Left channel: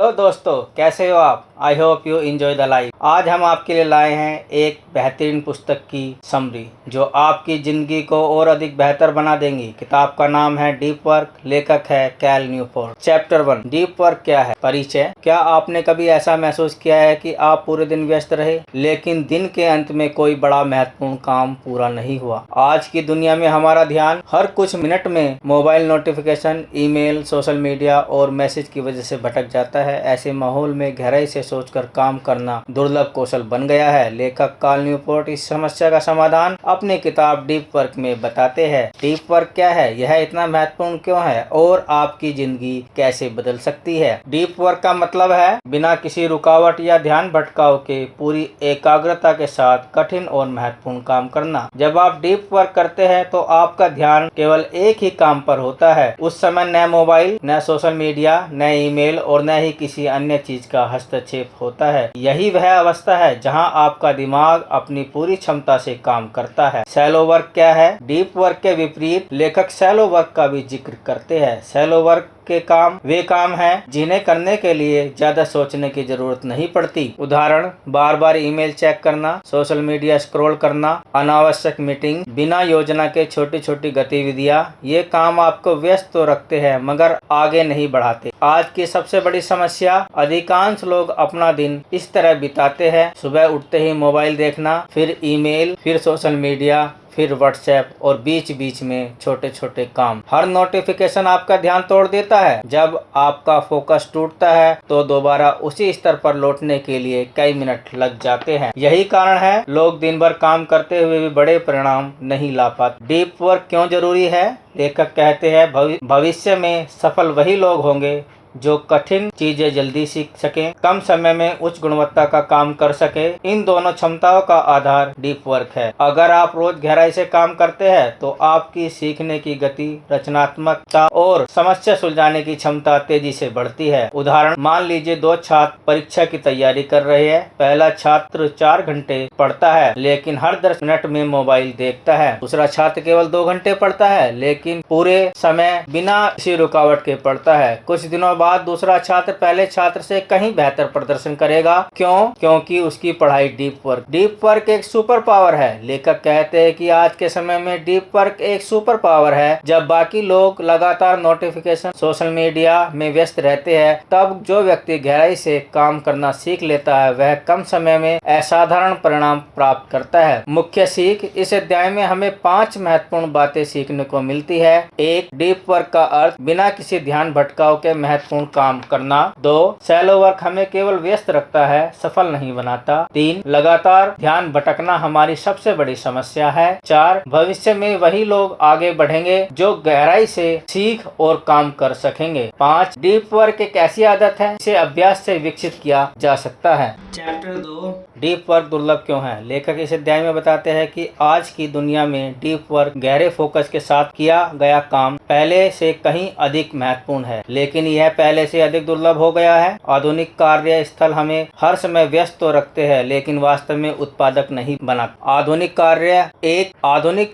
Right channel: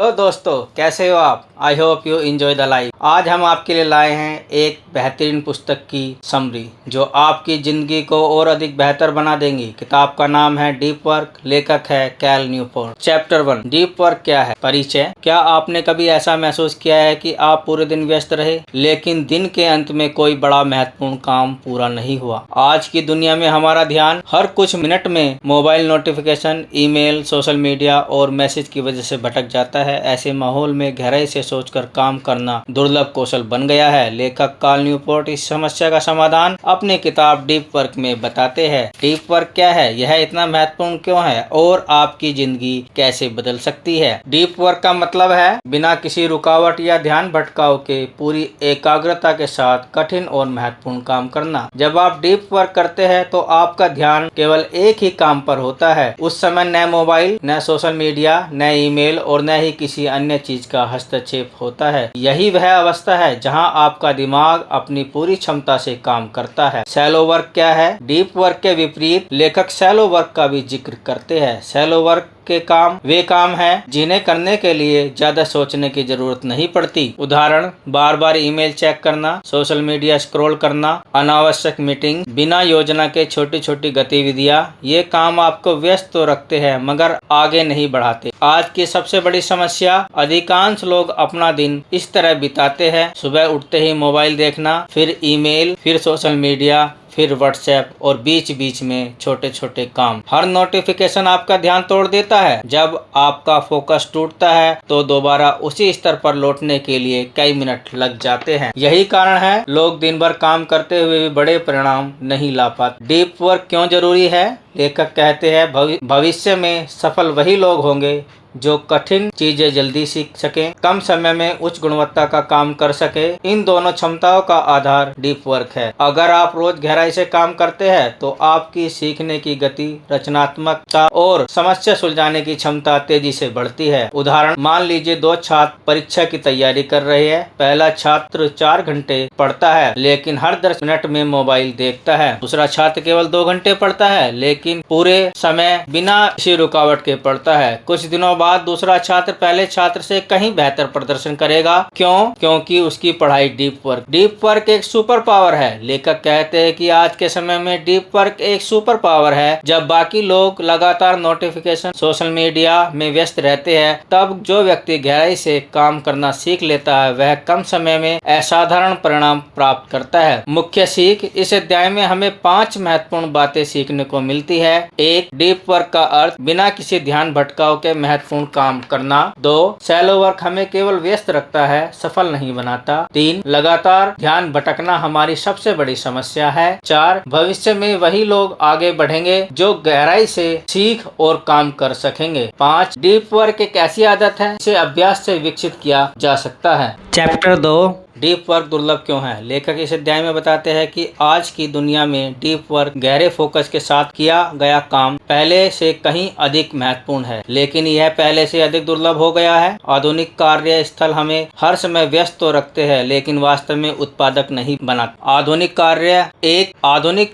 Hello दोस्तों, कैसे हो आप? I hope you enjoy the life. आज हम आपके लिए लाए हैं एक बेहतरीन पुस्तक की समरी जो आपकी जिंदगी को और अधिक बेहतर बना देंगी। किताब का नाम है डीप वर्क, लेखक है Cal Newport. Chapter 1, deep work क्या है? परिचय। क्या आपने कभी ऐसा महसूस किया है कि आप पूरे दिन व्यस्त रहे लेकिन दिन के अंत में कोई बड़ा महत्वपूर्ण काम पूरा नहीं हुआ? आज की दुनिया में हमारा ध्यान हर कुछ मिनट में mobile notification, email, social media और मैसेज की वजह से भटक जाता है। ऐसे माहौल में गहराई से सोचकर काम करना दुर्लभ कौशल बन गया है। लेखक कैल न्यूपोर्ट इस समस्या का समाधान अपनी किताब डीप वर्क में बताते हैं। डीप वर्क क्या है, यह इतना महत्वपूर्ण क्यों है और आपकी जिंदगी कैसे बदल सकती है? डीप वर्क का मतलब है बिना किसी रुकावट या ध्यान भटकाव के पूरी एकाग्रता के साथ कठिन और महत्वपूर्ण काम करना। जब आप डीप वर्क करते हैं तो आपका ध्यान केवल एक ही काम पर होता है। उस समय न मोबाइल, न सोशल मीडिया, न ईमेल और न ही किसी अन्य चीज का हस्तक्षेप होता है। यही वह अवस्था है जहां आपका दिमाग अपनी पूरी क्षमता से काम करता है। शैलो वर्क क्या है? डीप वर्क के विपरीत लेखक शैलो वर्क का भी जिक्र करते हैं। शैलो वर्क के काम वे काम हैं जिन्हें करने के लिए ज्यादा सोचने की जरूरत नहीं पड़ती। उदाहरण, बार बार ईमेल चेक करना, सोशल मीडिया स्क्रॉल करना, अनावश्यक मीटिंग, बिना योजना के छोटी छोटी गतिविधियां। ये काम आपको व्यस्त तो रखते हैं मगर आगे नहीं बढ़ाते। आज की सबसे बड़ी समस्या, अधिकांश लोग अपना दिन इस तरह बिताते हैं। सुबह उठते ही मोबाइल देखना, फिर ईमेल, फिर सोशल मीडिया, फिर व्हाट्सएप और बीच बीच में छोटे छोटे काम। हर नोटिफिकेशन आपका ध्यान तोड़ देता है। जब आपका फोकस टूटता है तो दोबारा उसी स्तर पर लौटने के लिए कई मिनट लग जाते हैं। यही कारण है लोग दिन भर काम करते हुए भी बड़े परिणाम नहीं ला पाते। डीप वर्क क्यों जरूरी है? लेखक कहते हैं भविष्य में सफल वही लोग होंगे जो कठिन चीजें जल्दी सीख सके, कम समय में उच्च गुणवत्ता का काम कर सके। इन दोनों क्षमताओं का आधार डीप वर्क है। अगर आप रोज गहराई से काम करते हैं तो आपकी सीखने की गति, रचनात्मकता और समस्या सुलझाने की क्षमता तेजी से बढ़ती है। उदाहरण, मान लीजिए दो छात्र परीक्षा की तैयारी कर रहे हैं। पहला छात्र 4 घंटे पढ़ता है लेकिन हर 10 मिनट में मोबाइल देखता है। दूसरा छात्र केवल 2 घंटे पढ़ता है लेकिन पूरे समय बिना किसी रुकावट के पढ़ता है। कुछ दिनों बाद दूसरा छात्र पहले छात्र से कहीं बेहतर प्रदर्शन करेगा। क्यों? क्योंकि उसकी पढ़ाई डीप वर्क एक सुपर पावर है। लेखक कहते हैं कि आज के समय में डीप वर्क एक सुपर पावर है। जब बाकी लोग लगातार नोटिफिकेशन, सोशल मीडिया में व्यस्त रहते हैं, तब जो व्यक्ति गहराई से काम करना सीख लेता है वह कम समय में असाधारण परिणाम प्राप्त करता है। मुख्य सीख, इस अध्याय में हमें 5 महत्वपूर्ण बातें सीखने को मिलती है। 1, डीप वर्क का अर्थ बिना किसी ध्यान भटकाव के महत्वपूर्ण काम करना। 2, शैलो वर्क हमें केवल व्यस्त रखता है, सफल नहीं बनाता। 3, लगातार ध्यान भटकना हमारी सबसे बड़ी समस्या है। 4, भविष्य में वही लोग आगे बढ़ेंगे जो गहराई से सीख और काम कर सकेंगे। 5, डीप वर्क एक ऐसी आदत है जिसे अभ्यास से विकसित किया जा सकता है। चैप्टर 2, डीप वर्क दुर्लभ क्यों है? लेखक इस अध्याय में बताते हैं कि आज की दुनिया में डीप वर्क, गहरे फोकस के साथ किया गया काम पहले से कहीं अधिक महत्वपूर्ण है, लेकिन यह पहले से अधिक दुर्लभ हो गया है। आधुनिक कार्य स्थल हमें हर समय व्यस्त तो रखते हैं लेकिन वास्तव में उत्पादक नहीं बनाते। आधुनिक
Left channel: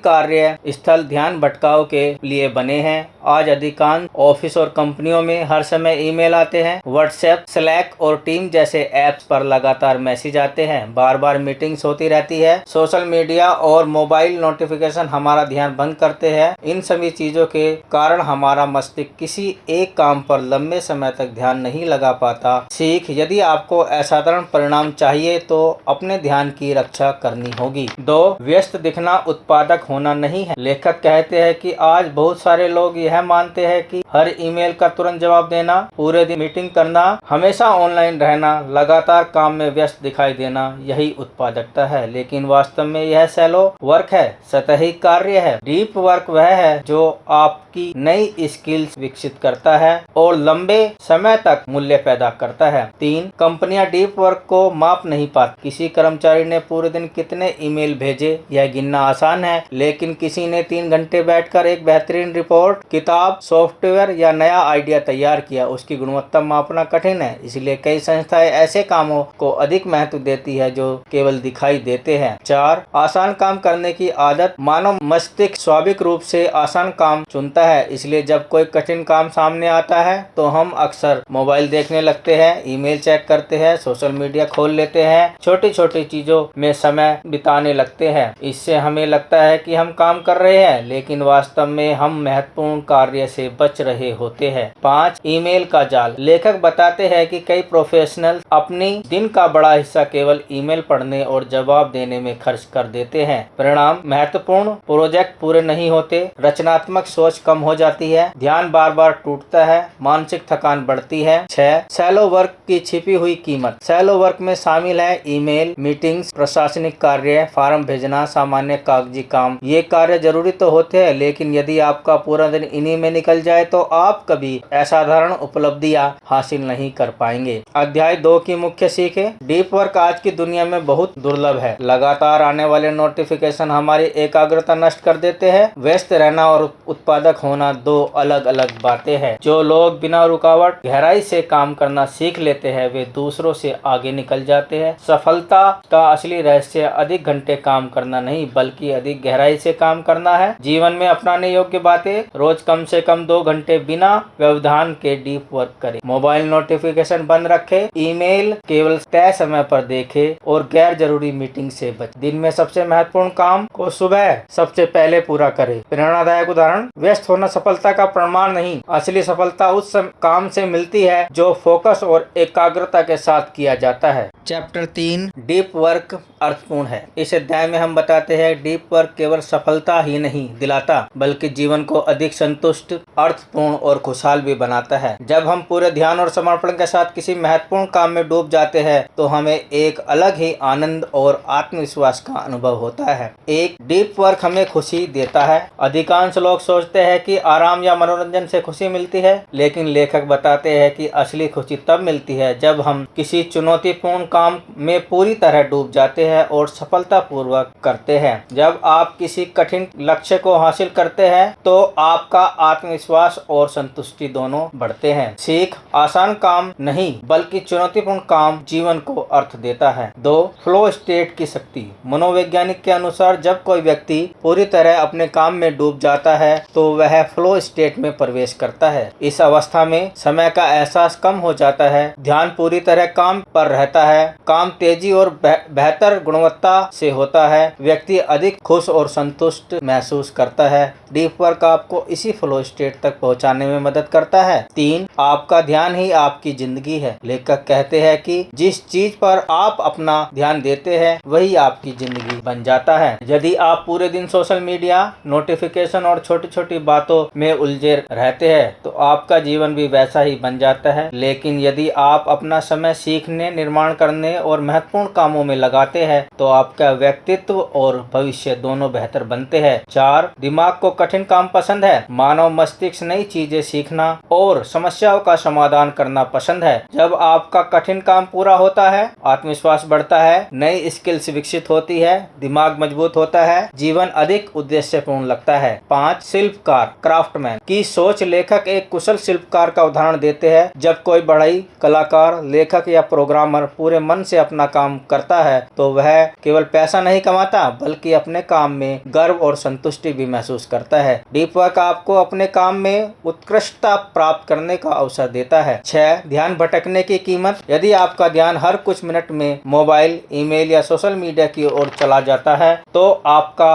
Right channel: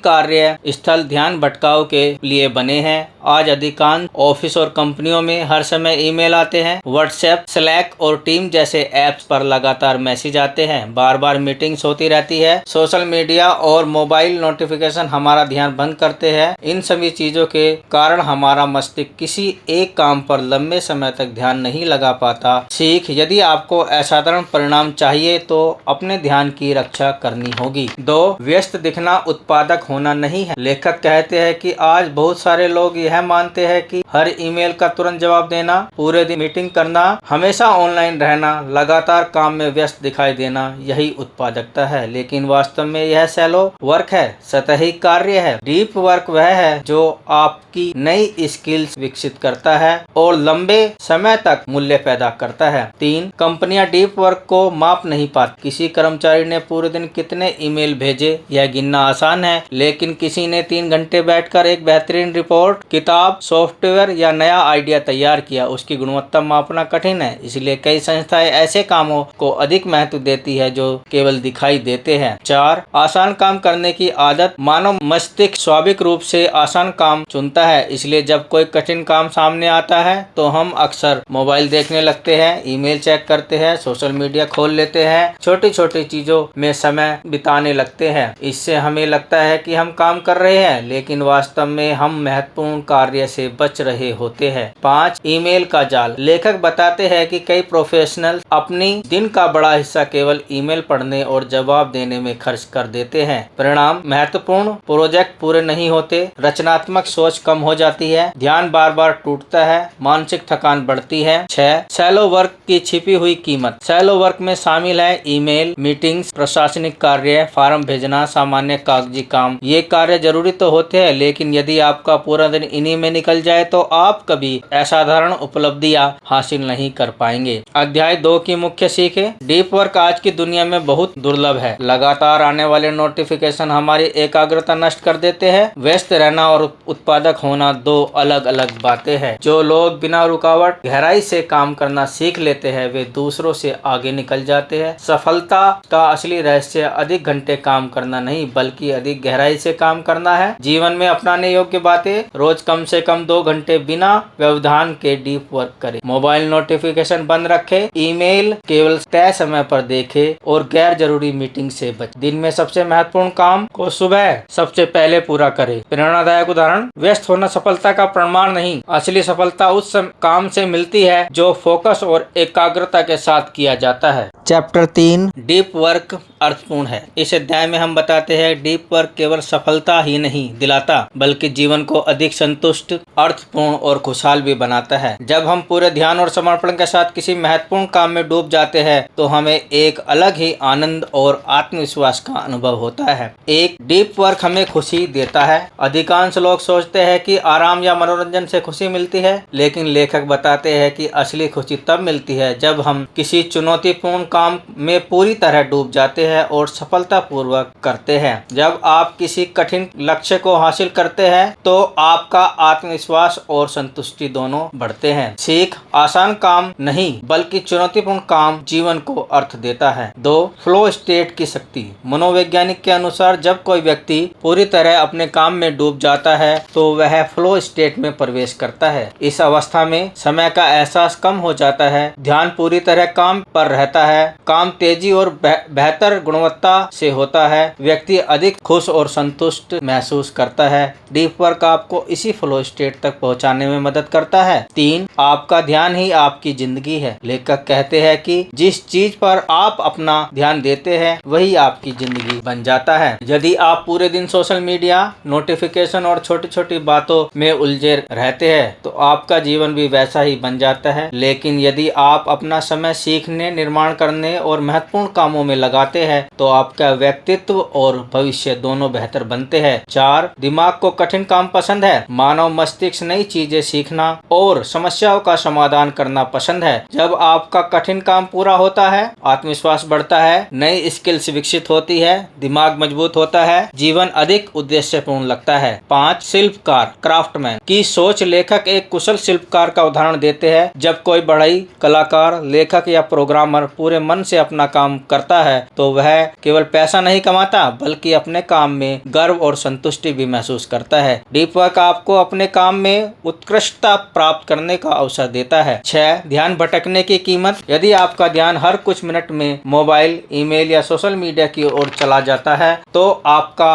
कार्य स्थल ध्यान भटकाव के लिए बने हैं। आज अधिकांश ऑफिस और कंपनियों में हर समय ईमेल आते हैं, व्हाट्सएप, स्लैक और टीम जैसे ऐप्स पर लगातार मैसेज आते हैं, बार बार मीटिंग्स होती रहती है। सोशल मीडिया और मोबाइल नोटिफिकेशन हमारा ध्यान भंग करते हैं। इन सभी चीजों के कारण हमारा मस्तिष्क किसी एक काम पर लंबे समय तक ध्यान नहीं लगा पाता। सीख, यदि आपको असाधारण परिणाम चाहिए तो अपने ध्यान की रक्षा करनी होगी। 2, व्यस्त दिखना उत्पादक होना नहीं है। लेखक कहते हैं कि आज बहुत सारे लोग यह मानते हैं कि हर ईमेल का तुरंत जवाब देना, पूरे दिन मीटिंग करना, हमेशा ऑनलाइन रहना, लगातार काम में व्यस्त दिखाई देना यही उत्पादकता है, लेकिन वास्तव में यह शैलो वर्क है, सतही कार्य है। डीप वर्क वह है जो आपकी नई स्किल्स विकसित करता है और लंबे समय तक मूल्य पैदा करता है। 3, कंपनियां डीप वर्क को माप नहीं पाती। किसी कर्मचारी ने पूरे दिन कितने ईमेल भेजे यह गिनना आसान है, लेकिन किसी ने 3 घंटे बैठकर एक बेहतरीन रिपोर्ट किताब, सॉफ्टवेयर या नया आइडिया तैयार किया, उसकी गुणवत्ता मापना कठिन है। इसलिए कई संस्थाएं ऐसे कामों को अधिक महत्व देती है जो केवल दिखाई देते हैं। 4. आसान काम करने की आदत। मानव मस्तिष्क स्वाभाविक रूप से आसान काम चुनता है, इसलिए जब कोई कठिन काम सामने आता है तो हम अक्सर मोबाइल देखने लगते हैं, ईमेल चेक करते हैं, सोशल मीडिया खोल लेते हैं, छोटी छोटी चीजों में समय बिताने लगते हैं। इससे हमें लगता है कि हम काम कर रहे हैं, लेकिन वास्तव में हम महत्वपूर्ण कार्य से बच रहे होते हैं। 5. ईमेल का जाल। लेखक बताते हैं कि कई प्रोफेशनल अपनी दिन का बड़ा हिस्सा केवल ईमेल पढ़ने और जवाब देने में खर्च कर देते हैं। परिणाम, महत्वपूर्ण प्रोजेक्ट पूरे नहीं होते, रचनात्मक सोच कम हो जाती है, ध्यान बार बार टूटता है, मानसिक थकान बढ़ती है। 6. शैलो वर्क की छिपी हुई कीमत। शैलो वर्क में शामिल है ईमेल, मीटिंग्स, प्रशासनिक कार्य, फार्म भेजना, सामान्य कागजी काम। ये कार्य जरूरी तो होते हैं, लेकिन यदि आपका पूरा दिन इन्हीं में निकल जाए तो आप कभी असाधारण उपलब्धियां हासिल नहीं कर पाएंगे। अध्याय 2 की मुख्य सीख है। डीप वर्क आज की दुनिया में बहुत दुर्लभ है। लगातार आने वाले नोटिफिकेशन हमारी एकाग्रता नष्ट कर देते हैं। व्यस्त रहना और उत्पादक होना दो अलग अलग बातें हैं। जो लोग बिना रुकावट गहराई से काम करना सीख लेते हैं वे दूसरों से आगे निकल जाते हैं। सफलता का असली रहस्य अधिक घंटे काम करना नहीं बल्कि अधिक गहराई से काम करना है। जीवन में अपनाने योग्य बातें। रोज कम से कम 2 घंटे बिना व्यवधान के डीप वर्क करें। मोबाइल नोटिफिकेशन बंद रखें, ईमेल केवल तय समय पर देखें और गैर जरूरी मीटिंग से बचें। दिन में सबसे महत्वपूर्ण काम को सुबह सबसे पहले पूरा करें। प्रेरणादायक उदाहरण। व्यस्त होना सफलता का प्रमाण नहीं, असली सफलता उस काम से मिलती है जो फोकस और एकाग्रता के साथ किया जाता है। चैप्टर 3 डीप वर्क अर्थपूर्ण है। इस अध्याय में हम बताते हैं डीप वर्क केवल सफलता ही नहीं दिलाता बल्कि जीवन को अधिक संतुष्ट, अर्थपूर्ण और खुशहाल भी बनाता है। जब हम पूरे ध्यान और समर्पण के साथ किसी महत्वपूर्ण काम में डूब जाते हैं तो हमें एक अलग ही आनंद और आत्मविश्वास का अनुभव होता है। एक डीप वर्क हमें खुशी देता है। अधिकांश लोग सोचते हैं कि आराम या मनोरंजन से खुशी मिलती है, लेकिन लेखक बताते हैं कि असली खुशी तब मिलती है जब हम किसी चुनौतीपूर्ण काम में पूरी तरह डूब जाते हैं और सफलतापूर्वक करते हैं। जब आप किसी कठिन लक्ष्य को हासिल करते हैं तो आपका आत्मविश्वास और संतुष्टि दोनों बढ़ते हैं। सीख। आसान काम नहीं बल्कि चुनौतीपूर्ण काम जीवन को अर्थ देता है। 2. फ्लो स्टेट की शक्ति। मनोवैज्ञानिक के अनुसार जब कोई व्यक्ति पूरी तरह अपने काम में डूब जाता है तो वह फ्लो स्टेट में प्रवेश करता है। इस अवस्था में समय का एहसास कम हो जाता है, ध्यान पूरी तरह काम पर रहता है, काम तेजी और बेहतर गुणवत्ता से होता है, व्यक्ति अधिक खुश और संतुष्ट महसूस करता है। डीप वर्क आपको इसी फ्लो स्टेट तक पहुंचाने में मदद करता है। 3. आपका ध्यान ही आपकी जिंदगी है। लेखक कहते हैं कि जिस चीज पर आप अपना ध्यान देते हैं वही आपकी जिंदगी बन जाता है। यदि आप पूरे दिन सोशल मीडिया, नोटिफिकेशन और छोटी छोटी बातों में उलझे रहते हैं तो आपका जीवन भी वैसा ही बन जाता है। लेकिन यदि आप अपना समय सीखने, निर्माण करने और महत्वपूर्ण कामों में लगाते हैं तो आपका व्यक्तित्व और भविष्य दोनों बेहतर बनते हैं। 4. दिमाग को कठिन काम पसंद है। मानव मस्तिष्क नई चीजें सीखना और समस्याओं का समाधान करना पसंद है। जब आपका कठिन काम पूरा होता है, आत्मविश्वास बढ़ता है, नई स्किल्स विकसित होती है, दिमाग मजबूत होता है, जीवन अधिक उद्देश्यपूर्ण लगता है। 5. शिल्पकार, क्राफ्टमैन की सोच। लेखक एक कुशल शिल्पकार का उदाहरण देते हैं। जब कोई बढ़ई कलाकार, लेखक या प्रोग्रामर पूरे मन से अपना काम करता है तो वह केवल पैसा नहीं कमाता बल्कि अपने काम में गर्व और संतुष्टि भी महसूस करता है। डीप वर्क आपको अपने काम में उत्कृष्टता प्राप्त करने का अवसर देता है। 6. ध्यान भटकने की कीमत। यदि आपका ध्यान हर कुछ मिनट में मोबाइल, ईमेल या सोशल मीडिया की ओर चला जाता है तो आपका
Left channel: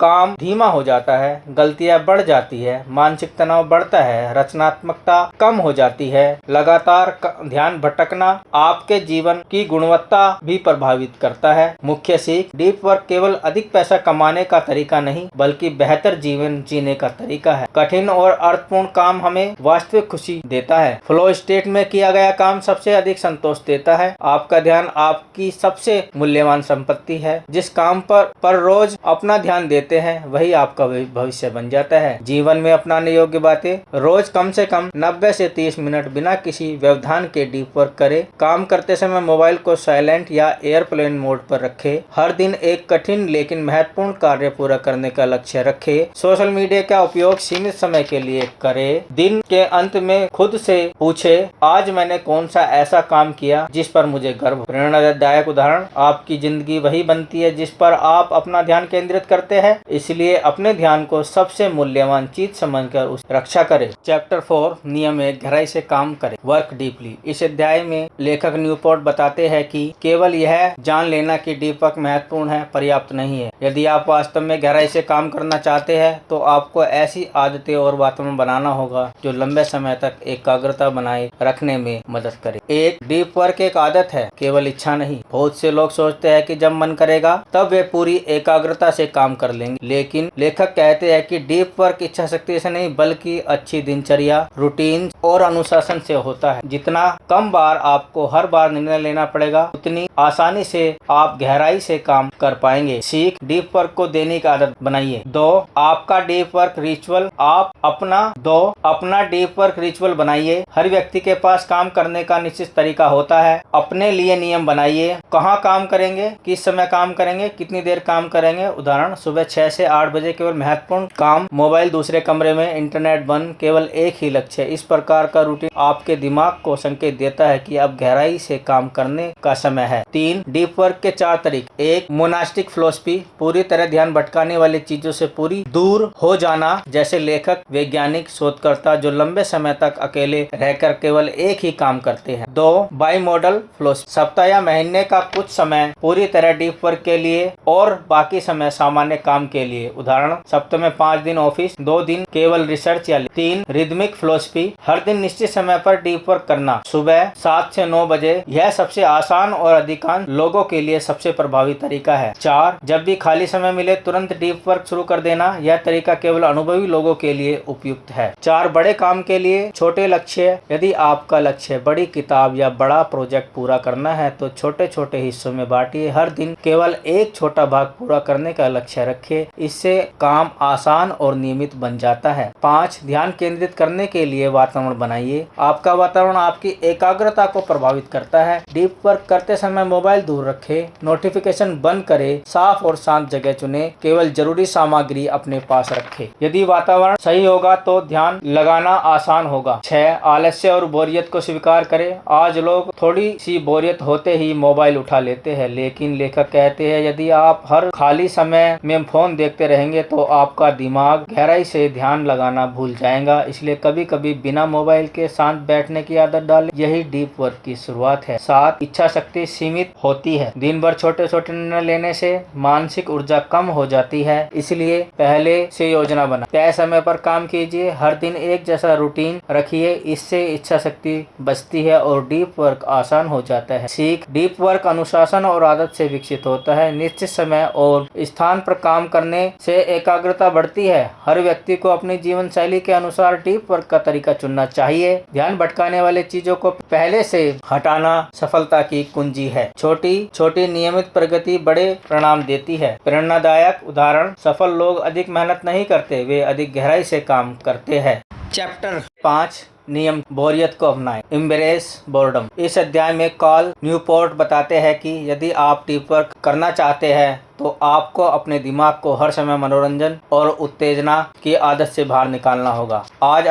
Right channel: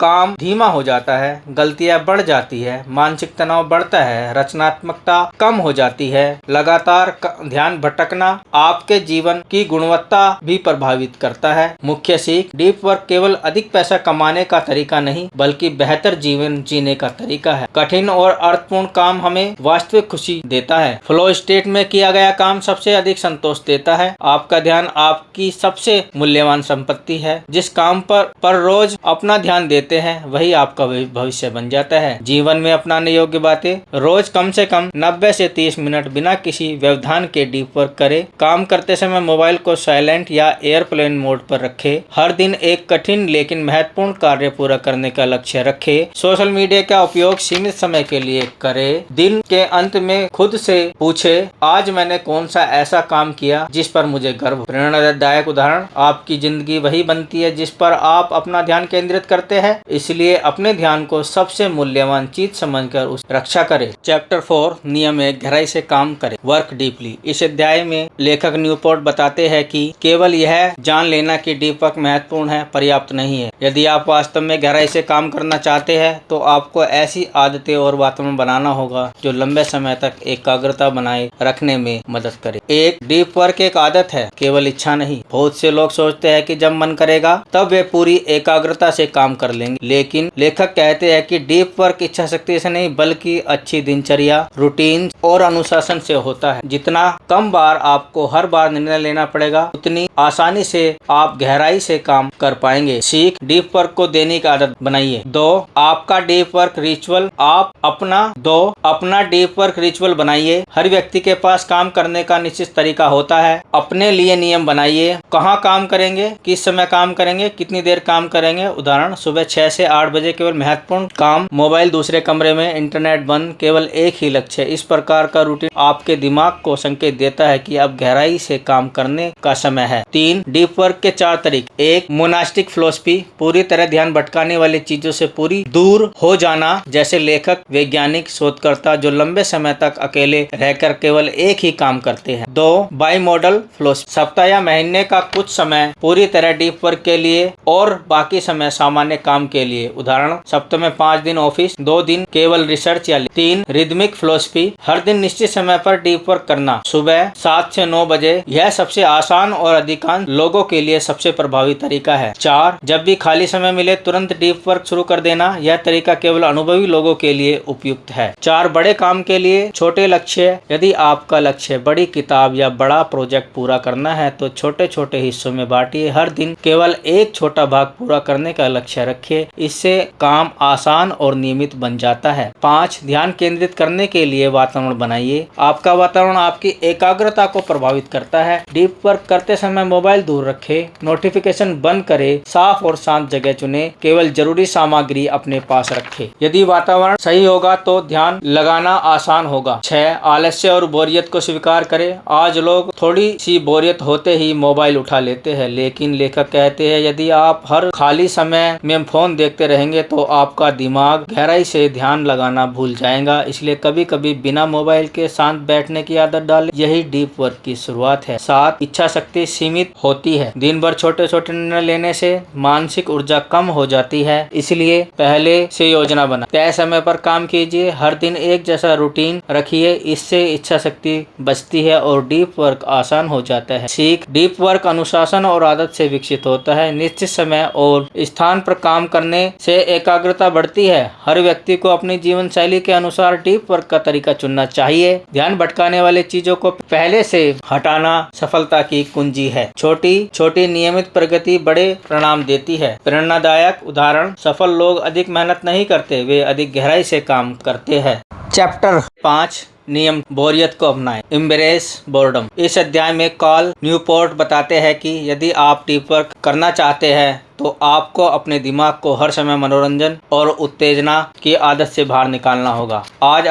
काम धीमा हो जाता है, गलतियां बढ़ जाती है, मानसिक तनाव बढ़ता है, रचनात्मकता कम हो जाती है। लगातार ध्यान भटकना आपके जीवन की गुणवत्ता भी प्रभावित करता है। मुख्य सीख। डीप वर्क केवल अधिक पैसा कमाने का तरीका नहीं बल्कि बेहतर जीवन जीने का तरीका है। कठिन और अर्थपूर्ण काम हमें वास्तविक खुशी देता है। फ्लो स्टेट में किया गया काम सबसे अधिक संतोष देता है। आपका ध्यान आपकी सबसे मूल्यवान संपत्ति है। जिस काम पर रोज अपना ध्यान देते हैं वही आपका भविष्य बन जाता है। जीवन में अपनाने योग्य बातें। रोज कम से कम 90 से 30 मिनट बिना किसी व्यवधान के डीप वर्क करें। काम करते समय मोबाइल को साइलेंट या एयरप्लेन मोड पर रखें। हर दिन एक कठिन लेकिन महत्वपूर्ण कार्य पूरा करने का लक्ष्य रखें। सोशल मीडिया का उपयोग सीमित समय के लिए करें। दिन के अंत में खुद से पूछे, आज मैंने कौन सा ऐसा काम किया जिस पर मुझे गर्व। प्रेरणादायक उदाहरण, आपकी जिंदगी वही बनती है जिस पर आप अपना ध्यान केंद्रित करते हैं, इसलिए अपने ध्यान को सबसे मूल्यवान चीज समझकर उस रक्षा करें। चैप्टर 4, नियम 1, गहराई से काम करें, वर्क डीपली। इस अध्याय में लेखक न्यूपोर्ट बताते हैं कि केवल यह जान लेना कि डीप वर्क महत्वपूर्ण है पर्याप्त नहीं है। यदि आप वास्तव में गहराई से काम करना चाहते हैं तो आपको ऐसी आदतें और वातावरण बनाना होगा जो लंबे समय तक एकाग्रता बनाए रखने में मदद करे। एक डीप वर्क एक आदत है, केवल इच्छा नहीं। बहुत से लोग सोचते हैं कि जब मन करेगा तब वे पूरी एकाग्रता से काम कर लेंगे, लेकिन लेखक कहते हैं कि डीप वर्क इच्छा शक्ति से नहीं बल्कि अच्छी दिनचर्या, रूटीन और अनुशासन से होता है। जितना कम बार आपको हर बार निर्णय लेना पड़ेगा, उतनी आसानी से आप गहराई से काम कर पाएंगे। सीख, डीप वर्क को दैनिक आदत बनाइए। 2, आपका डीप वर्क रिचुअल। आप अपना डीप वर्क रिचुअल बनाइए। हर व्यक्ति के पास काम करने का निश्चित तरीका होता है। अपने लिए नियम बनाइए, कहाँ काम करेंगे, किस समय काम करेंगे, कितनी देर काम करेंगे। उदाहरण, सुबह 6 से 8 बजे केवल महत्वपूर्ण काम, मोबाइल दूसरे कमरे में, इंटरनेट बंद, केवल एक ही लक्ष्य। इस प्रकार का रूटीन आपके दिमाग को संकेत देता है कि अब गहराई से काम करने का समय है। 3, डीप वर्क के 4 तरीके। 1, मोनास्टिक फिलॉसफी, पूरी तरह ध्यान भटकाने वाली चीजों से पूरी दूर हो जाना, जैसे लेखक, वैज्ञानिक, शोधकर्ता जो लंबे समय तक अकेले रहकर केवल एक ही काम करते हैं। 2, बाई मॉडल फिलॉसफी, सप्ताह या महीने का कुछ समय पूरी तरह डीप वर्क के लिए और बाकी समय सामान्य काम के लिए। उदाहरण, सप्ताह में 5 दिन ऑफिस, 2 दिन केवल रिसर्च या 3, रिदमिक फिलॉसफी, हर दिन निश्चित समय पर डीप वर्क करना, सुबह 7 से 9 बजे। यह सबसे आसान और अधिकांश लोगों के लिए सबसे प्रभावी तरीका है। 4, जब भी खाली समय मिले तुरंत डीप वर्क शुरू कर देना, यह तरीका केवल अनुभवी लोगों के लिए उपयुक्त है। 4, बड़े काम के लिए छोटे लक्ष्य। यदि आपका लक्ष्य बड़ी किताब या बड़ा प्रोजेक्ट पूरा करना है तो छोटे छोटे हिस्सों में बांटिए। हर दिन केवल एक छोटा भाग पूरा करने का लक्ष्य रखिए, इससे काम आसान और नियमित बन जाता है। 5, ध्यान केंद्रित करने के लिए वातावरण बनाइए। आपका वातावरण आपकी एकाग्रता को प्रभावित करता है। डीप वर्क करते समय मोबाइल दूर रखें, नोटिफिकेशन बंद करें, साफ और शांत जगह चुनें, केवल जरूरी सामग्री अपने पास रखें। यदि वातावरण सही होगा तो ध्यान लगाना आसान होगा। 6, आलस्य और बोरियत को स्वीकार करें। आज लोग थोड़ी सी बोरियत होते ही मोबाइल उठा लेते हैं, लेकिन लेखक कहते हैं यदि आप हर खाली समय में फोन देखते रहेंगे तो आपका दिमाग गहराई से ध्यान लगाना भूल जाएगा। इसलिए कभी कभी बिना मोबाइल के शांत बैठने की आदत डालें, यही डीप वर्क की शुरुआत है। 7, इच्छा शक्ति सीमित होती है। दिन भर छोटे छोटे निर्णय लेने से मानसिक ऊर्जा कम हो जाती है, इसलिए पहले से योजना बना, तय समय पर काम कीजिए, हर दिन एक जैसा रूटीन रखिए, इससे इच्छा शक्ति बचती है और डीप वर्क आसान हो जाता है। सीख, डीप वर्क अनुशासन और आदत से विकसित होता है। निश्चित समय और स्थान पर काम करने से एकाग्रता बढ़ती है। हर व्यक्ति को अपनी जीवन शैली के अनुसार डीप वर्क का तरीका चुनना चाहिए। ध्यान भटकाने वाले चीजों को पहले से हटाना सफलता की कुंजी है। छोटी छोटी नियमित प्रगति बड़े परिणाम देती है। प्रेरणादायक उदाहरण, सफल लोग अधिक मेहनत नहीं करते, वे अधिक गहराई से काम करते हैं। चैप्टर 5, नियम, बोरियत को अपनाएं, एम्ब्रेस बोर्डम। इस अध्याय में कार्ल न्यूपोर्ट बताते हैं कि यदि आप डीप वर्क करना चाहते हैं तो आपको अपने दिमाग को हर समय मनोरंजन और उत्तेजना की आदत से बाहर निकालना होगा। आज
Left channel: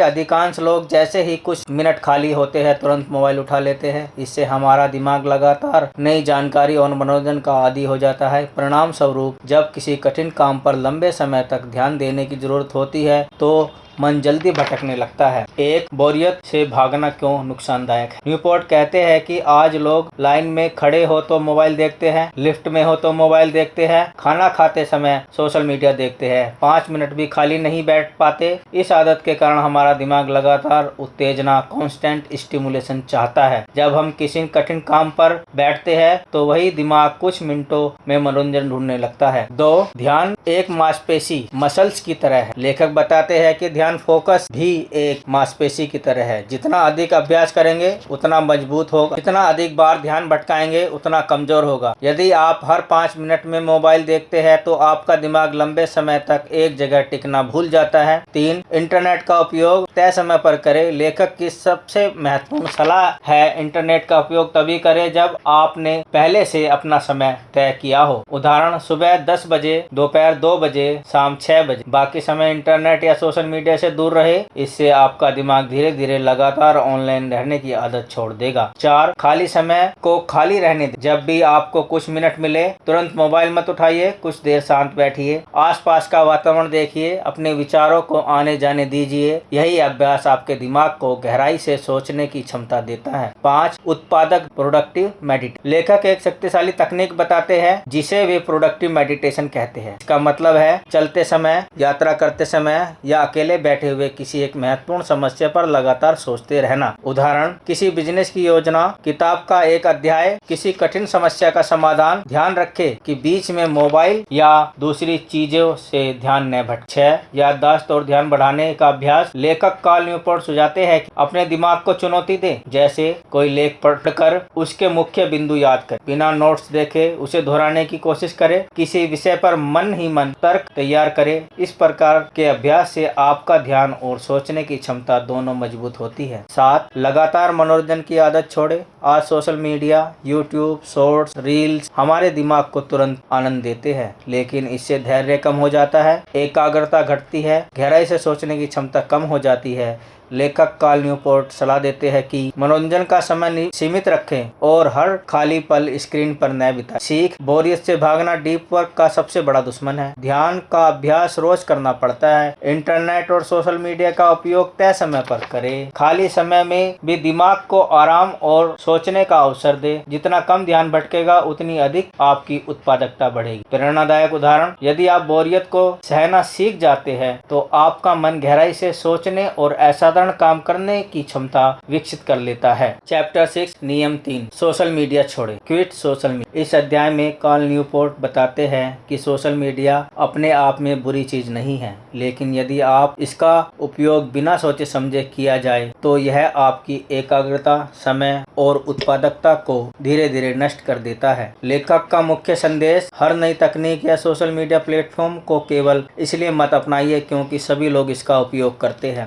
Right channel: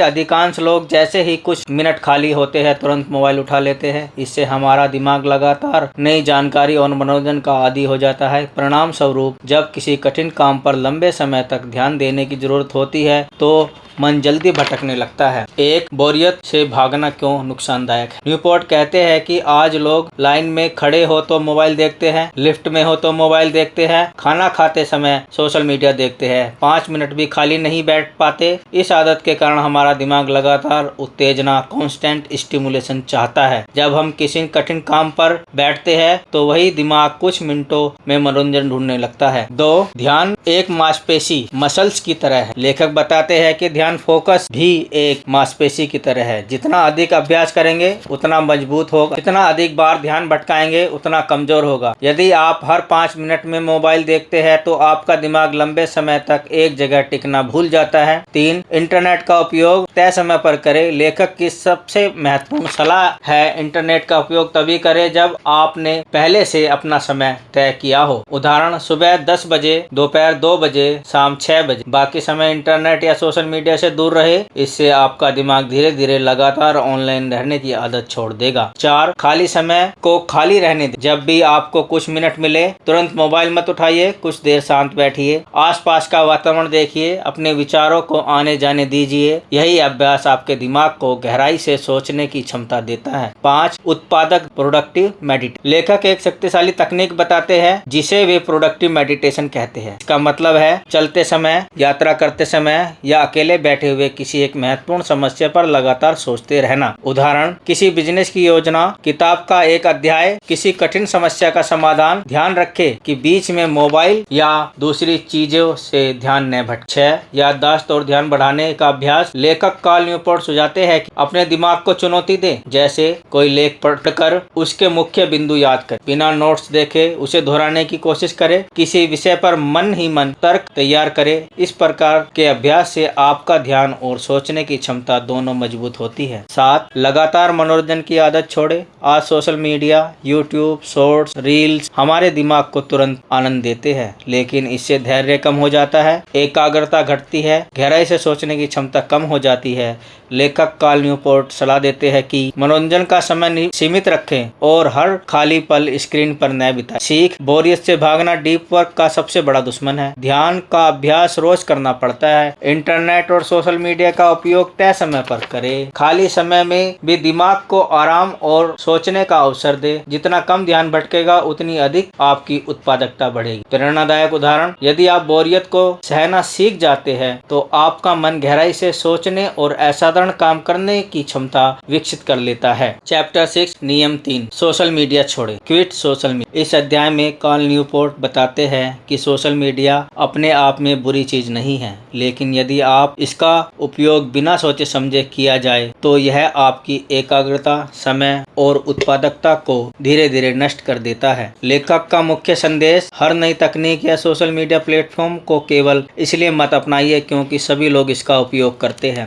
अधिकांश लोग जैसे ही कुछ मिनट खाली होते हैं तुरंत मोबाइल उठा लेते हैं। इससे हमारा दिमाग लगातार नई जानकारी और मनोरंजन का आदी हो जाता है। परिणाम स्वरूप जब किसी कठिन काम पर लंबे समय तक ध्यान देने की जरूरत होती है तो मन जल्दी भटकने लगता है। एक, बोरियत से भागना क्यों नुकसानदायक है। न्यूपोर्ट कहते हैं कि आज लोग लाइन में खड़े हो तो मोबाइल देखते हैं, लिफ्ट में हो तो मोबाइल देखते हैं, खाना खाते समय सोशल मीडिया देखते हैं, 5 मिनट भी खाली नहीं बैठ पाते। इस आदत के कारण हमारा दिमाग लगातार उत्तेजना, कांस्टेंट स्टिमुलेशन चाहता है। जब हम किसी कठिन काम पर बैठते हैं तो वही दिमाग कुछ मिनटों में मनोरंजन ढूंढने लगता है। 2, ध्यान एक मांसपेशी मसल्स की तरह है। लेखक बताते हैं कि ध्यान ध्यान फोकस भी एक मांसपेशी की तरह है। जितना अधिक अभ्यास करेंगे उतना मजबूत होगा, जितना अधिक बार ध्यान भटकाएंगे उतना कमजोर होगा। यदि आप हर 5 मिनट में मोबाइल देखते हैं तो आपका दिमाग लंबे समय तक एक जगह टिकना भूल जाता है। 3, इंटरनेट का उपयोग तय समय पर करें। लेखक की सबसे महत्वपूर्ण सलाह है इंटरनेट का उपयोग तभी करें जब आपने पहले से अपना समय तय किया हो। उदाहरण, सुबह 10 बजे, दोपहर 2 बजे, शाम 6 बजे। बाकी समय इंटरनेट या सोशल मीडिया से दूर रहे। इससे आपका दिमाग धीरे धीरे लगातार ऑनलाइन रहने की आदत छोड़ देगा। 4, खाली समय को खाली रहने दें। जब भी आपको कुछ मिनट मिले तुरंत मोबाइल मत उठाइए, कुछ देर शांत बैठिए, आसपास का वातावरण देखिए, अपने विचारों को आने जाने दीजिए। यही अभ्यास आपके दिमाग को गहराई से सोचने की क्षमता देता है। 5, उत्पादक प्रोडक्टिव मेडिटेशन। लेखक एक शक्तिशाली तकनीक बताते हैं जिसे वे प्रोडक्टिव मेडिटेशन कहते हैं। इसका मतलब है चलते समय, यात्रा करते समय या अकेले बैठे हुए किसी एक महत्वपूर्ण समस्या पर लगातार सोचते रहना। उदाहरण, किसी बिजनेस की योजना, किताब का एक अध्याय, किसी कठिन समस्या का समाधान। ध्यान रखें कि बीच में मोबाइल या दूसरी चीजों से ध्यान न भटके। 6, याददाश्त और ध्यान बढ़ाने का अभ्यास। लेखक कार्ल न्यूपोर्ट सुझाते हैं कि अपने दिमाग को चुनौती दें, जैसे कोई लेख पढ़कर उसके मुख्य बिंदु याद करें, बिना नोट्स देखे उसे दोहराने की कोशिश करें, किसी विषय पर मन ही मन तर्क तैयार करें। इस प्रकार के अभ्यास से आपका ध्यान और सोचने की क्षमता दोनों मजबूत होती है। 7, लगातार मनोरंजन की आदत छोड़े। आज social media, YouTube, shorts, reels हमारे दिमाग को तुरंत आनंद देते हैं, लेकिन इससे धैर्य कम हो जाता है, एकाग्रता घटती है, गहराई से सोचने की क्षमता कम हो जाती है। लेखक कार्ल न्यूपोर्ट सलाह देते हैं कि मनोरंजन का समय सीमित रखें और हर खाली पल स्क्रीन पर न बिताएं। सीख, बोरियत से भागना डीप वर्क का सबसे बड़ा दुश्मन है। ध्यान का अभ्यास रोज करना पड़ता है। इंटरनेट और सोशल मीडिया का उपयोग तय समय पर करें। खाली समय में भी दिमाग को आराम और सोचने का अवसर दे। जितना कम ध्यान भटकेगा उतनी अधिक आपकी उत्पादकता बढ़ेगी। प्रेरणादायक उदाहरण, यदि आप बोरियत को सहना सीख जाते हैं तो आपका मन गहराई से सोचने और असाधारण काम करने की क्षमता विकसित कर लेता है। चैप्टर 6, नियम 3, सोशल मीडिया छोड़े। Quit social media. इस अध्याय में कार्ल न्यूपोर्ट बताते हैं कि सोशल मीडिया अपने आप में बुरी चीज नहीं है, लेकिन यदि आप इसका उपयोग बिना सोचे समझे किया जाए तो यह आपकी एकाग्रता, समय और उत्पादकता को धीरे धीरे नष्ट कर देता है। लेखक का मुख्य संदेश, हर नई तकनीक या सोशल मीडिया प्लेटफॉर्म को केवल इसलिए मत अपनाइए क्योंकि सभी लोग इसका उपयोग करते हैं।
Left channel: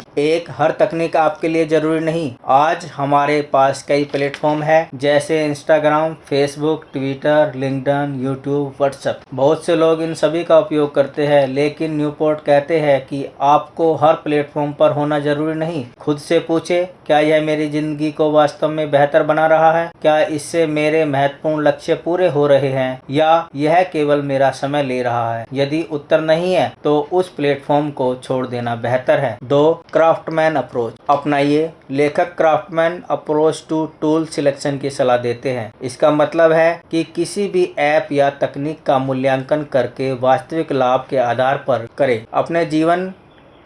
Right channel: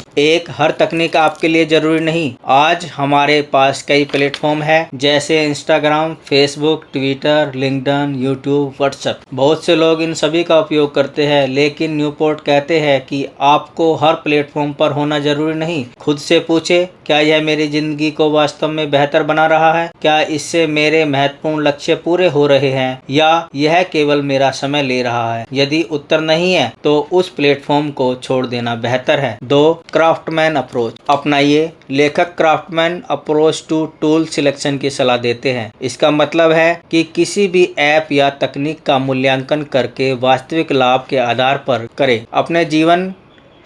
हर तकनीक आपके लिए जरूरी नहीं। आज हमारे पास कई प्लेटफॉर्म हैं जैसे Instagram, Facebook, Twitter, LinkedIn, YouTube, WhatsApp. बहुत से लोग इन सभी का उपयोग करते हैं, लेकिन न्यूपोर्ट कहते हैं कि आपको हर प्लेटफॉर्म पर होना जरूरी नहीं। खुद से पूछे, क्या यह मेरी जिंदगी को वास्तव में बेहतर बना रहा है? क्या इससे मेरे महत्वपूर्ण लक्ष्य पूरे हो रहे हैं या यह केवल मेरा समय ले रहा है? यदि उत्तर नहीं है तो उस प्लेटफॉर्म को छोड़ देना बेहतर है। 2, क्राफ्टमैन अप्रोच अपनाइए। लेखक craftsman approach to tool selection की सलाह देते हैं। इसका मतलब है कि किसी भी ऐप या तकनीक का मूल्यांकन करके वास्तविक लाभ के आधार पर करें। अपने जीवन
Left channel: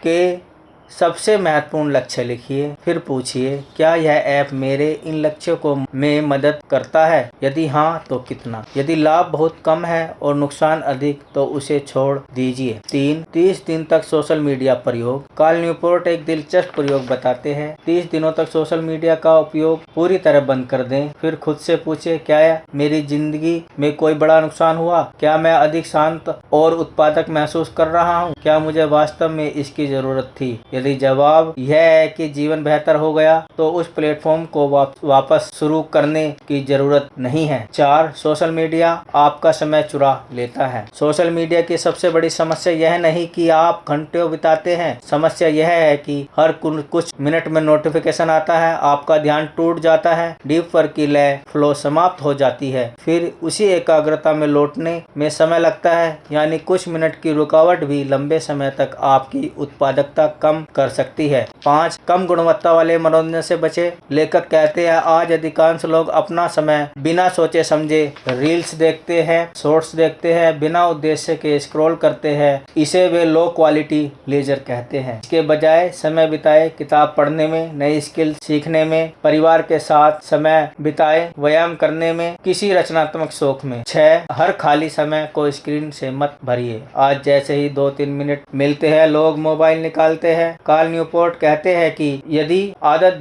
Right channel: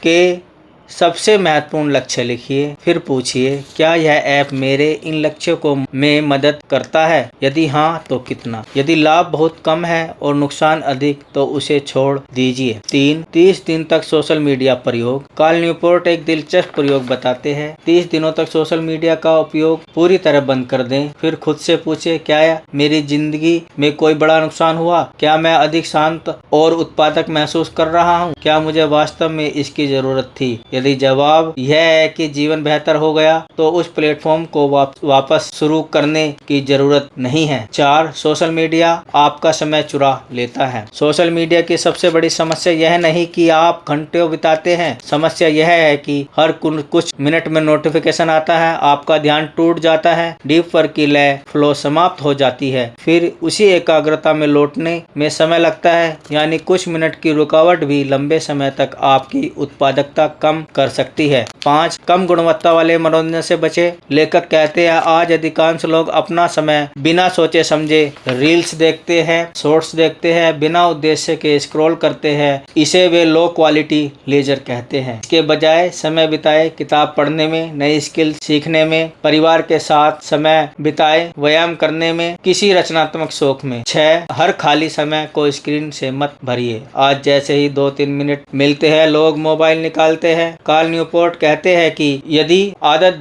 के सबसे महत्वपूर्ण लक्ष्य लिखिए, फिर पूछिए, क्या यह ऐप मेरे इन लक्ष्यों को में मदद करता है? यदि हाँ तो कितना? यदि लाभ बहुत कम है और नुकसान अधिक तो उसे छोड़ दीजिए। 3, 30 दिन तक सोशल मीडिया प्रयोग। कार्ल न्यूपोर्ट एक दिलचस्प प्रयोग बताते हैं। 30 दिनों तक सोशल मीडिया का उपयोग पूरी तरह बंद कर दें, फिर खुद से पूछे, क्या मेरी जिंदगी में कोई बड़ा नुकसान हुआ? क्या मैं अधिक शांत और उत्पादक महसूस कर रहा हूँ? क्या मुझे वास्तव में इसकी जरूरत थी? यदि जवाब यह है कि जीवन बेहतर हो गया तो उस प्लेटफॉर्म को वापस शुरू करने की जरूरत नहीं है। 4, सोशल मीडिया आपका समय चुरा लेता है। सोशल मीडिया की सबसे बड़ी समस्या यह नहीं कि आप घंटों बिताते हैं, समस्या यह है कि हर कुछ मिनट में नोटिफिकेशन आता है, आपका ध्यान टूट जाता है, डीप वर्क की लय फ्लो समाप्त हो जाती है, फिर उसी एकाग्रता में लौटने में समय लगता है। यानी कुछ मिनट की रुकावट भी लंबे समय तक आपकी उत्पादकता कम कर सकती है। 5, कम गुणवत्ता वाले मनोरंजन से बचे। लेखक कहते हैं, आज अधिकांश लोग अपना समय बिना सोचे समझे रील्स देखते हैं, शॉर्ट्स देखते हैं, बिना उद्देश्य के स्क्रॉल करते हैं। इसे वे लो क्वालिटी लेजर कहते हैं। इसके बजाय समय बिताए किताब पढ़ने में, नई स्किल सीखने में, परिवार के साथ समय बिताए, व्यायाम करने में, किसी रचनात्मक शौक में। 6, हर खाली समय को स्क्रीन से मत भरिए। आज जैसे ही 2-3 मिनट मिलते हैं लोग मोबाइल निकालते हैं कार्ल न्यूपोर्ट कहते हैं कि यही आदत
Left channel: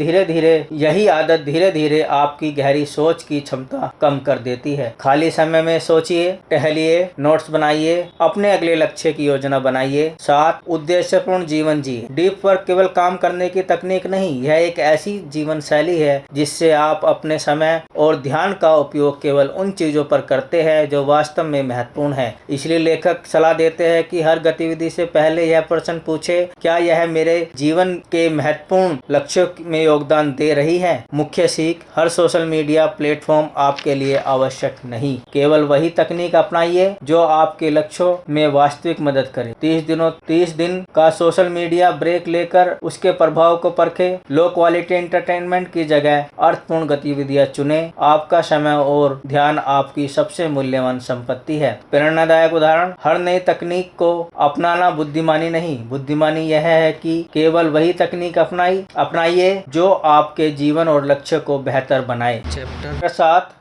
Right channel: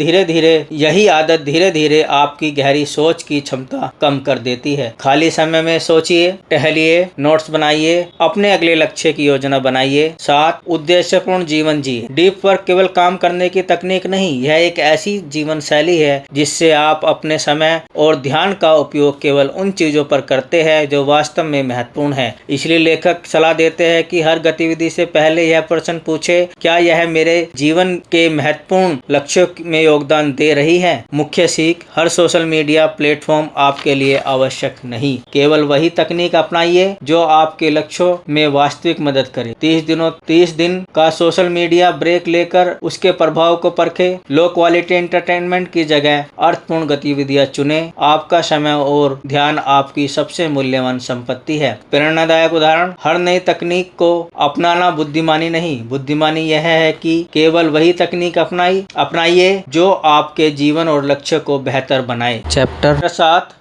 धीरे धीरे आपकी गहरी सोच की क्षमता कम कर देती है। खाली समय में सोचिए, टहलिए, नोट्स बनाइए, अपने अगले लक्ष्य की योजना बनाइए। 7 उद्देश्यपूर्ण जीवन जिए। डीप वर्क केवल काम करने की तकनीक नहीं, यह एक ऐसी जीवन शैली है जिससे आप अपने समय और ध्यान का उपयोग केवल उन चीजों पर करते हैं जो वास्तव में महत्वपूर्ण है। इसलिए लेखक सलाह देते हैं कि हर गतिविधि से पहले यह प्रश्न पूछे, क्या यह मेरे जीवन के महत्वपूर्ण लक्ष्यों में योगदान दे रही है। मुख्य सीख, हर सोशल मीडिया प्लेटफॉर्म आपके लिए आवश्यक नहीं, केवल वही तकनीक अपनाइए जो आपके लक्ष्यों में वास्तविक मदद करे। 30 दिन का सोशल मीडिया ब्रेक लेकर उसके प्रभाव को परखे। लो क्वालिटी एंटरटेनमेंट की जगह अर्थपूर्ण गतिविधियां चुने। आपका समय और ध्यान आपकी सबसे मूल्यवान संपत्ति है। प्रेरणादायक उदाहरण, हर नई तकनीक को अपनाना बुद्धिमानी नहीं, बुद्धिमानी यह है कि केवल वही तकनीक अपनाइए जो आपके जीवन और लक्ष्य को बेहतर बनाए। चैप्टर 7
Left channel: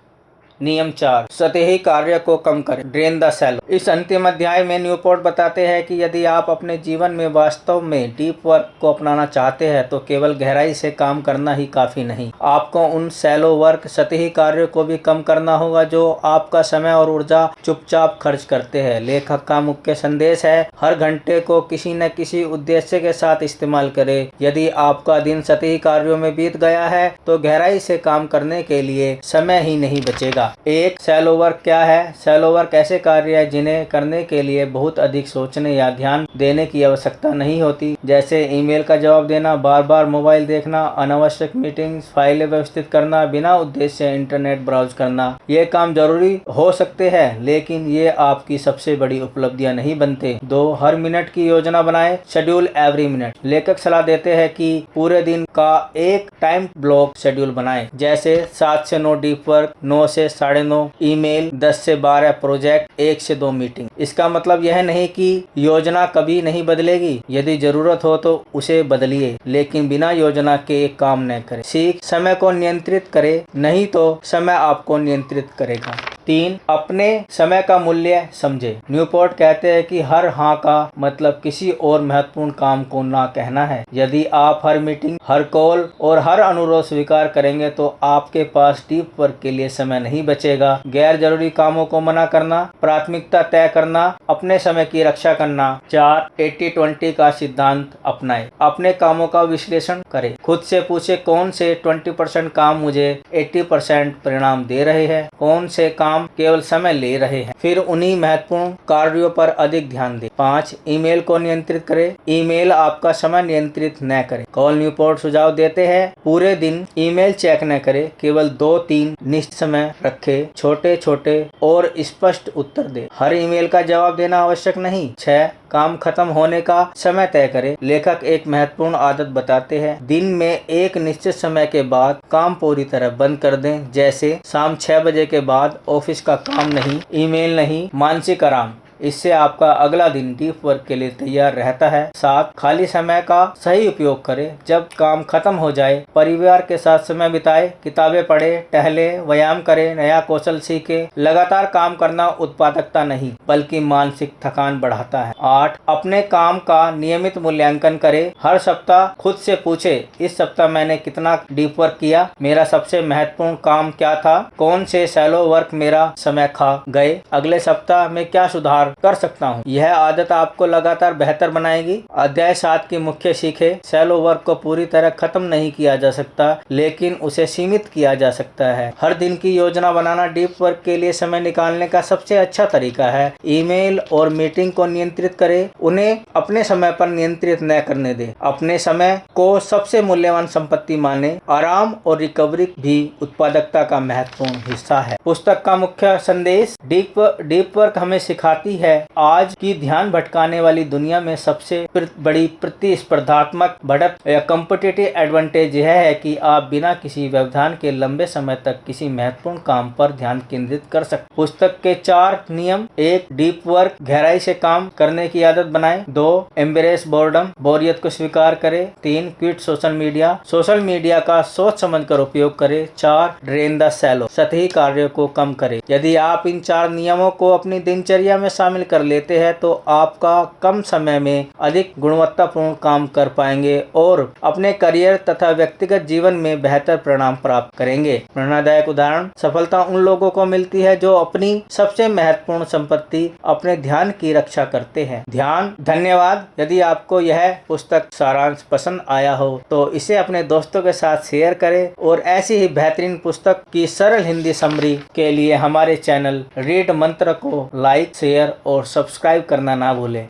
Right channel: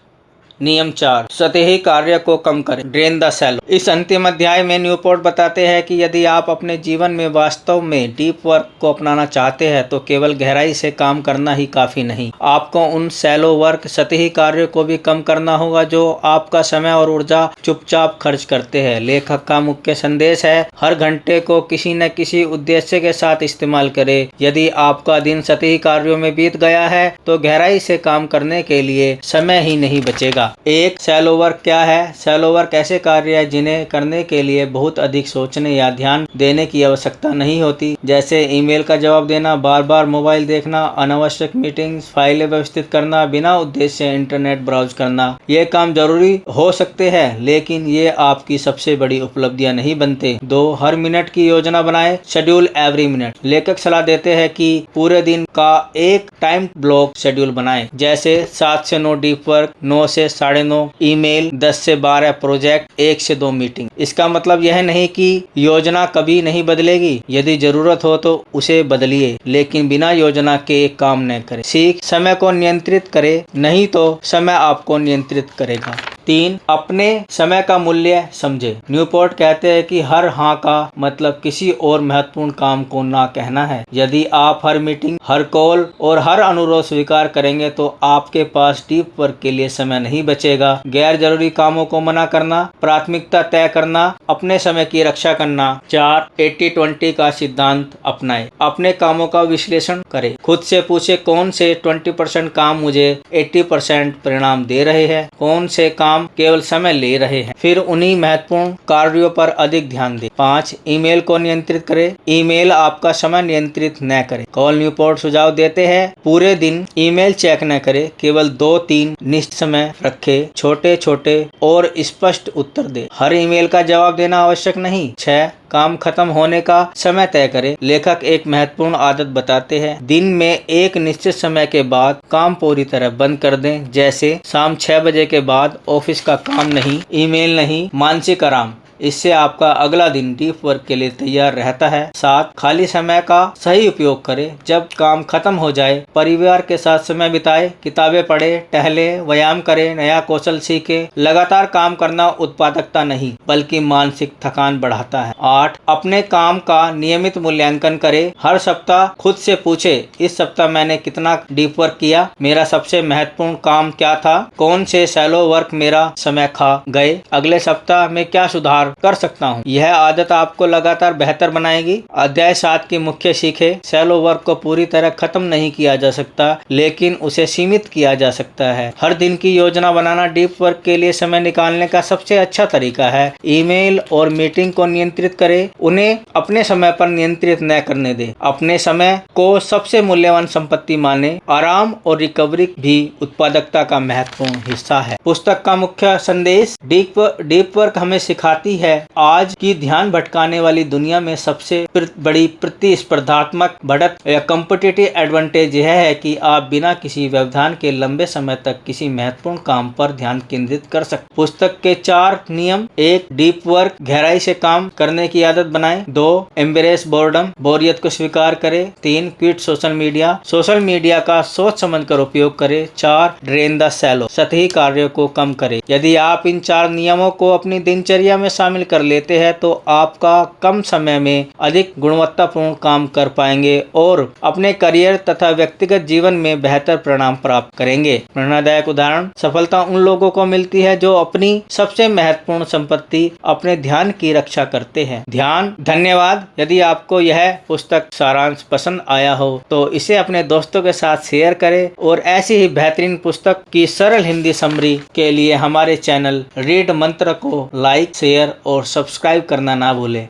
नियम 4, सतही कार्य को कम करें, ड्रेन द सेल। इस अंतिम अध्याय में न्यूपोर्ट बताते हैं कि यदि आप अपने जीवन में वास्तव में डीप वर्क को अपनाना चाहते हैं तो केवल गहराई से काम करना ही काफी नहीं, आपको उन सैलो वर्क, सतही कार्य को भी कम करना होगा जो आपका समय और ऊर्जा चुपचाप खर्च करते हैं। लेखक का मुख्य संदेश है, हर घंटे को किसी न किसी उद्देश्य के साथ इस्तेमाल करें। यदि आपका दिन सतही कार्यों में बीत गया है तो गहराई से काम करने के लिए समय ही नहीं बचेगा। एक शैलो वर्क क्या है? शैलो वर्क ऐसे कार्य है जिन्हें करने के लिए बहुत अधिक सोचने या ध्यान देने की आवश्यकता नहीं होती, जैसे ईमेल का जवाब देना, बार बार मोबाइल देखना, अनावश्यक मीटिंग्स, फाइलें व्यवस्थित करना, बिना उद्देश्य इंटरनेट ब्राउज करना। ये काम जरूरी हो सकते हैं लेकिन ये आपकी सबसे बड़ी उपलब्धियां नहीं बनते। 2 हर मिनट की योजना बनाएं, शेड्यूल एवरी मिनट। लेखक सलाह देते हैं कि पूरे दिन का एक टाइम ब्लॉक शेड्यूल बनाएं, जैसे 7 से 9 डीप वर्क, 9 से 9:30 ईमेल, 10 से 12 प्रोजेक्ट, 1 से 2 मीटिंग। इसका मतलब यह नहीं कि योजना कभी नहीं बदलेगी, यदि जरूरत हो तो उसे बदलिए, लेकिन बिना योजना के काम न करें। सीख, समय को नियंत्रित करें, नहीं तो समय आपको नियंत्रित करेगा। 3 अपने समय का मूल्य समझे। न्यूपोर्ट कहते हैं कि हर हाँ का मतलब किसी और महत्वपूर्ण काम को ना कहना है। यदि आप हर मीटिंग, हर कॉल और हर अनुरोध स्वीकार करेंगे तो आपके पास डीप वर्क के लिए समय नहीं बचेगा। गैर जरूरी कामों को मना करना, प्राथमिकता तय करना, अपने समय की रक्षा करना। 4 80-20 का सिद्धांत अपनाएं। अपने कामों का विश्लेषण करें, खुद से पूछे कौन से 20% काम मुझे 80% परिणाम दे रहे हैं, कौन से काम केवल समय ले रहे हैं, फिर उन्हीं महत्वपूर्ण कार्यों पर अधिक ध्यान दें। 5 ईमेल को नियंत्रित करें। ईमेल आपका समय नियंत्रित न करे। कार्ल न्यूपोर्ट सुझाव देते हैं, पूरे दिन ईमेल चेक न करें, केवल 2-3 निश्चित समय रखे, छोटे छोटे और स्पष्ट उत्तर दे। हर ईमेल का जवाब देना आवश्यक नहीं। 6 काम खत्म होने का समय तय करें। लेखक एक महत्वपूर्ण आदत बताते हैं, दिन में एक निश्चित समय के बाद काम पूरी तरह बंद कर दें, जैसे शाम 6 बजे के बाद ऑफिस का काम नहीं, ईमेल नहीं, मानसिक आराम। इससे आपका अगला दिन डीप वर्क के लिए तैयार रहता है। 7 खाली समय का सही उपयोग करें। जब काम खत्म हो जाए, परिवार के साथ समय बिताए, किताबें पढ़े, टहले, व्यायाम करें, नया कौशल सीखे। लगातार काम करना उत्पादकता नहीं बल्कि मानसिक थकान बढ़ाता है। 8 अपने काम का नियमित मूल्यांकन करें। हर सप्ताह खुद से पूछे, इस सप्ताह मैंने कितना डीप वर्क किया, मेरा सबसे महत्वपूर्ण काम क्या था, कौन से शैलो वर्क मेरा समय खा गए, अगले सप्ताह में क्या सुधार कर सकता हूँ। यह आदत आपको लगातार बेहतर बनाएगी। अध्याय 7 की मुख्य सीख है, शैलो वर्क को पूरी तरह खत्म नहीं किया जा सकता लेकिन उसे सीमित किया जा सकता है। हर दिन की योजना बनाना डीप वर्क के लिए समय निकालने का सबसे अच्छा तरीका है। ईमेल और मीटिंग को नियंत्रित करें, उन्हें अपने समय पर नियंत्रित न करने दें। अपने समय को सबसे मूल्यवान संपत्ति माने। आराम और रिकवरी भी उत्पादकता का महत्वपूर्ण हिस्सा है। पुस्तक का मुख्य संदेश, डीप वर्क हमें सिखाती है, आज की ध्यान भटकाने वाली दुनिया में सबसे बड़ी प्रतिस्पर्धात्मक बढ़त या कॉम्पिटिटिव एडवांटेज यह है कि आप बिना किसी व्यवधान के लंबे समय तक किसी महत्वपूर्ण काम पर ध्यान केंद्रित कर सकते। पुस्तक के 4 नियम। 1 डीप वर्क, गहराई से काम करने की आदत बनाएं। 2 एम्ब्रेस बोर्डम, बोरियत को स्वीकार करें। 3 क्विट सोशल मीडिया का सोच समझ कर उपयोग करें। 4 ड्रेन द शैलो, सतही कार्यों को कम करें। यदि आप इन 4 नियमों को अपनी दिनचर्या में शामिल शामिल कर लेते हैं तो आपका कम समय में अधिक गुणवत्तापूर्ण काम कर पाएंगे और अपने करियर तथा व्यक्तिगत जीवन में बेहतर परिणाम प्राप्त करेंगे। प्रेरणादायक उदाहरण: सफलता उन लोगों को मिलती है जो अपनी सबसे महत्वपूर्ण संपत्ति अपने ध्यान की रक्षा करते हैं। ध्यान। धन्यवाद। यदि आपको यह पुस्तक सारांश पसंद आया हो तो इसे अपने दोस्तों के साथ शेयर करें और ऐसी ही बेहतरीन पुस्तक की सरल हिंदी समरी के लिए हमारे चैनल रीड मंत्र को लाइक, शेयर और सब्सक्राइब करना ना भूलें।